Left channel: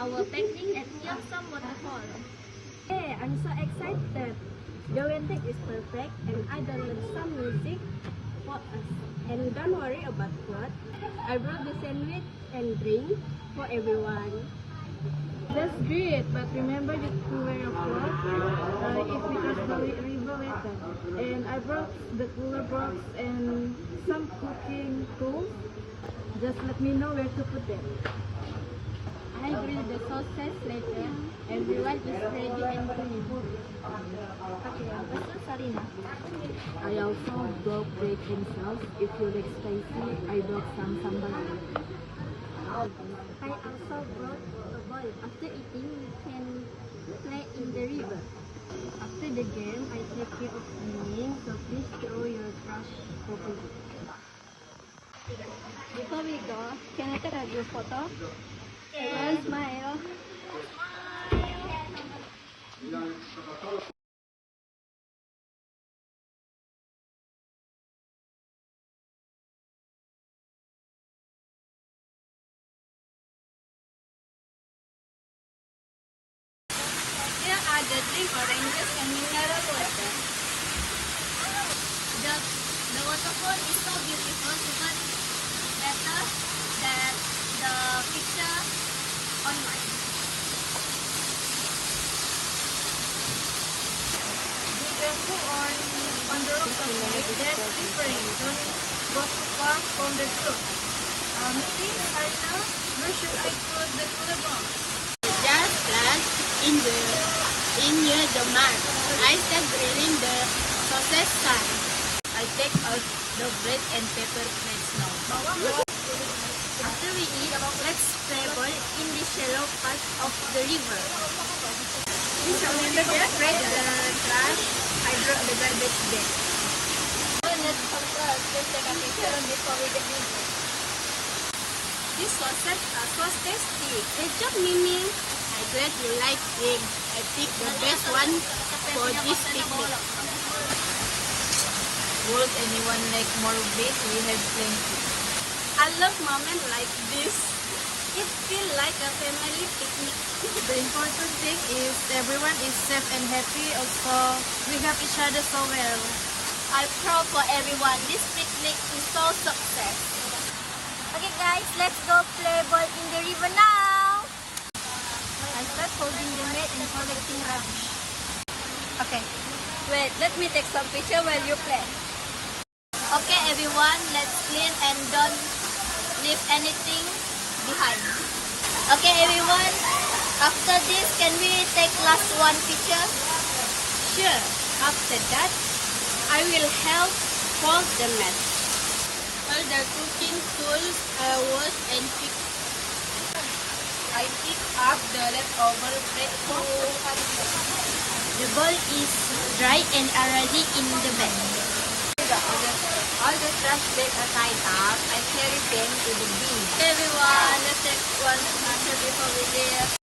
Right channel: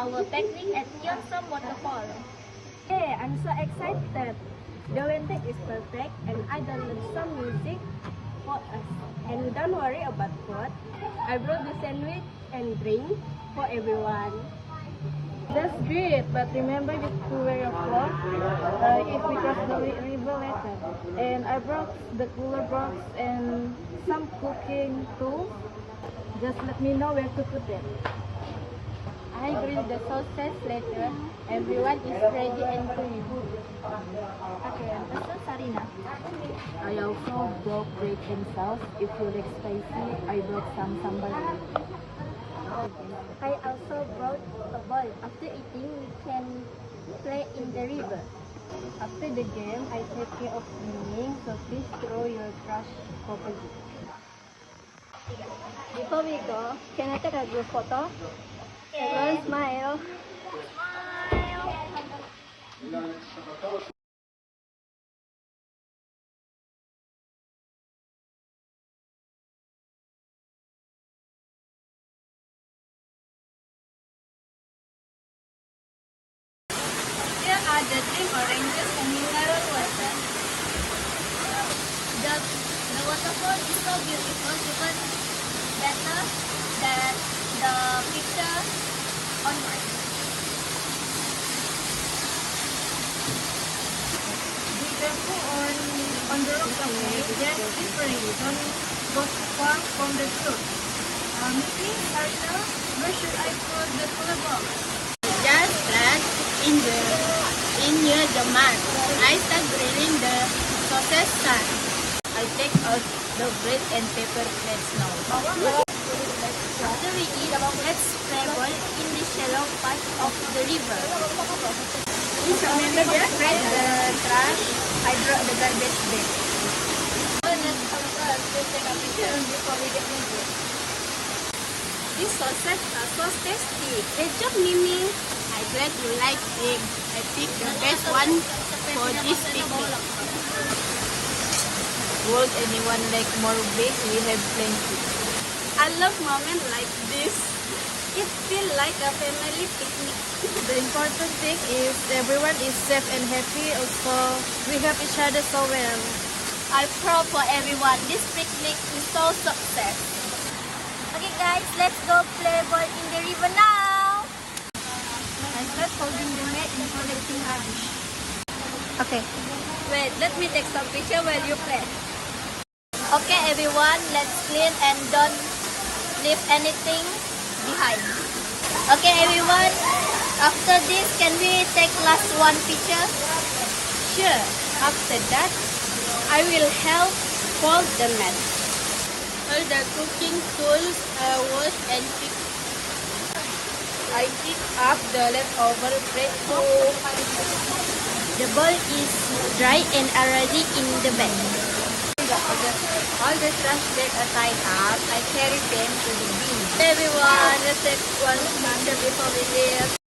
our picnic at Yeongsom Waterfall. Hey, I'm so excited. The weather is perfect and I download some music for us. And don't worry about food. I brought the sandwich and drink for everyone. That's great, but remember to wear your clothes if we cross the river later. And I brought the cooler box and some cooking tools. Just let me know where to put them. I grill the sausage later. Everyone is ready and clean. Okay, this is Sarina. I also brought bread and sauce. If you like spicy, I brought some sambal. I also brought a ball. After eating, we can play in the river. After the game, I take care of cleaning, so please throw your trash properly. Before we go, can I take a group photo? Everyone smile. Here are the drink oranges and mineral water. The waterfall is so beautiful, even better than the picture online. Be careful on the rock, okay? There's different. Don't go too far from the truck. Maybe Sarina, where should I put the cooler box? Just plant in near the mat. I start grilling the sausage stand. I take out the bread and pepper plates now. After we eat, let's play ball in the shallow part of the river. Remember to spread the trash. I draw the garbage bin. Let's take a picture before we get into it. These sausages are so tasty. Great job, Mimi. I'm glad you like it. I picked the best one for this picnic. Would anyone like more beef? We have plenty. I love moments like this. It feels like a family picnic. The important thing is everyone is safe and happy. Also, we help each other so well. I'm proud for everyone. This picnic is so success. Okay guys, let's go play ball in the river now. I start holding the mat and collecting rubbish. Okay, wait, let me take some picture while you play. Okay everyone, let's clean and don't leave anything behind. Okay everyone, after this, can we take last one picture? Sure. After that, I will help fold the mat. All the cooking tools are washed and fixed. I pick up the leftover bread too. The bowl is dry and already in the bag. All the trash bags are tied up. I carry them to the bin. Everyone, let's take one picture before we leave.